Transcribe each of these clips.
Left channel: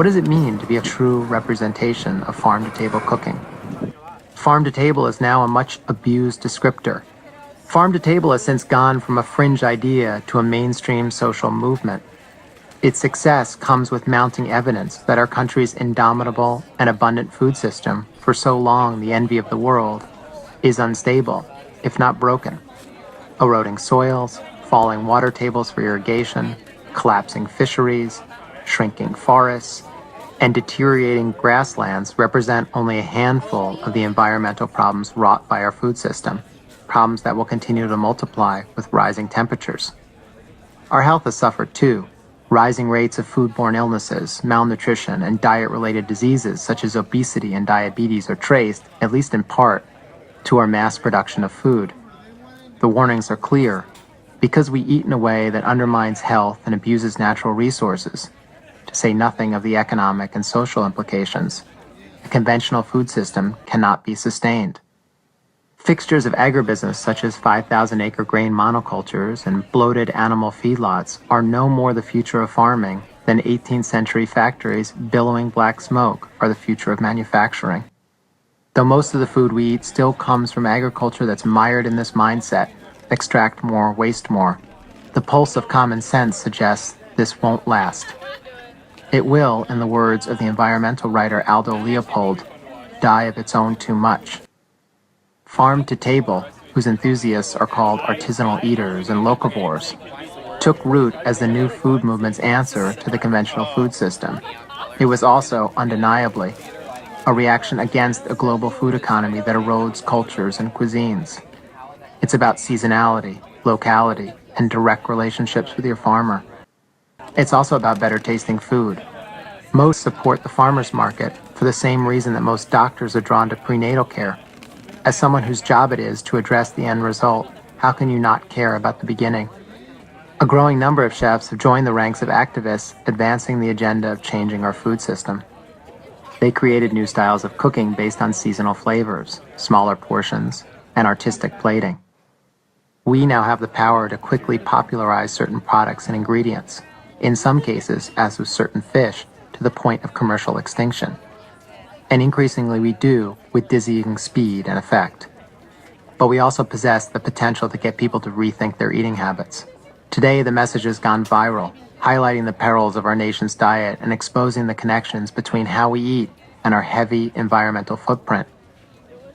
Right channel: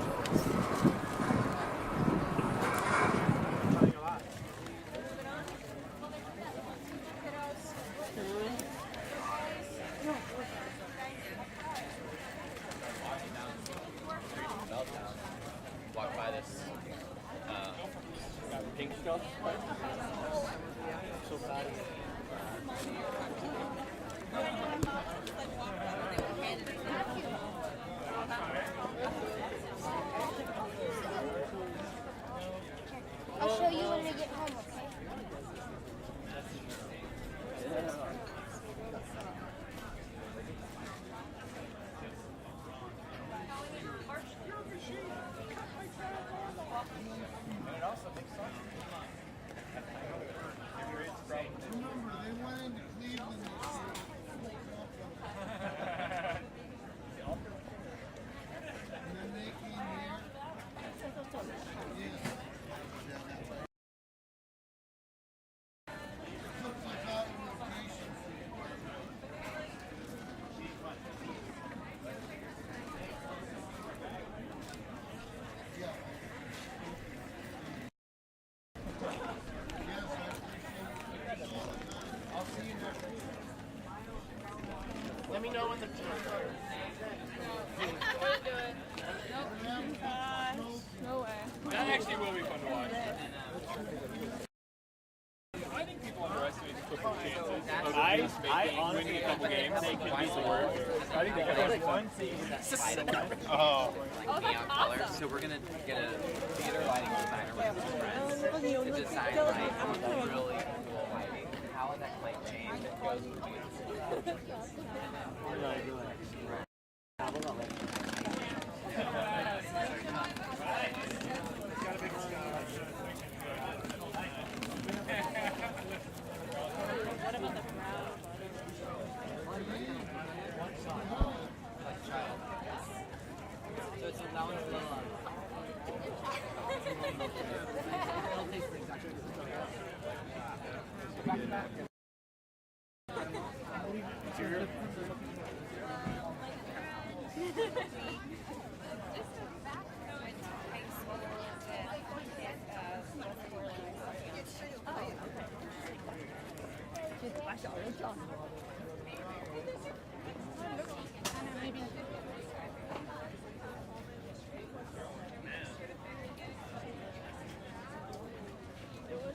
What does it mean to be a true representation of farm-to-table cooking? Farm-to-table is now a much abused descriptor. Farm-to-table has since gone from a fringe idea to a mainstream social movement. Its success comes with mounting evidence that our country's indomitable and abundant food system, for so long the envy of the world, is unstable, if not broken. Eroding soils, falling water tables for irrigation, collapsing fisheries, shrinking forests, and deteriorating grasslands represent only a handful of the environmental problems wrought by our food system, problems that will continue to multiply with rising temperatures. Our health has suffered too. Rising rates of foodborne illnesses, malnutrition, and diet-related diseases such as obesity and diabetes are traced, at least in part, to our mass production of food. The warnings are clear. Because we eat in a way that undermines health and abuses natural resources, to say nothing of the economic and social implications, the conventional food system cannot be sustained. Fixtures of agribusiness such as 5,000-acre grain monocultures and bloated animal feedlots are no more the future of farming than 18th century factories billowing black smoke are the future of manufacturing. Though most of the food we eat still comes from agriculture that's mired in this mindset, extract more, waste more, the pulse of common sense suggests this won't last. It will, in the words of the environmental writer Aldo Leopold, die of its own too much. Farm-to-table, whose enthusiasts are called artisanal eaters and locavores, took root as the new food movement's answer to the conventional food system. It was also, undeniably, a reaction against a global food economy that erodes cultures and cuisines. It's about seasonality, locality, and direct relationships with your farmer. It's also about better tasting food. Most support the farmer's market for the same reason that most doctors are drawn to prenatal care. As someone whose job it is to address the end result, how can you not care about the beginning? A growing number of chefs have joined the ranks of activists advancing the agenda of changing our food system. They created new styles of cooking based on seasonal flavors, smaller portions, and artistic plating. We now have the power to quickly popularize certain products and ingredients, in some cases, as with certain fish, to the point of commercial extinction. And increasingly we do with dizzying speed and effect. But we also possess the potential to get people to rethink their eating habits. Today, the message has gone viral, highlighting the perils of our nation's diet and exposing the connections between how we eat and our heavy environmental footprint.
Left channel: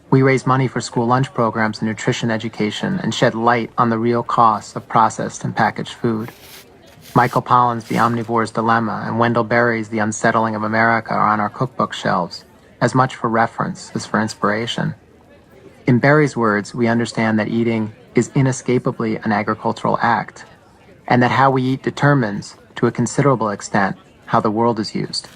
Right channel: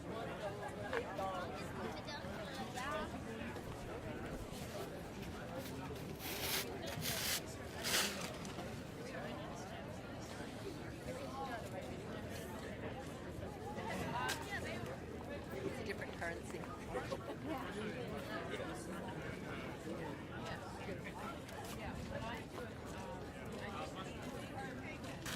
We raise money for school lunch programs and nutrition education and shed light on the real costs of processed and packaged food. Michael Pollan's The Omnivore's Dilemma and Wendell Berry's The Unsettling of America are on our cookbook shelves, as much for reference as for inspiration. In Berry's words, we understand that eating is inescapably an agricultural act, and that how we eat determines, to a considerable extent, how the world is used.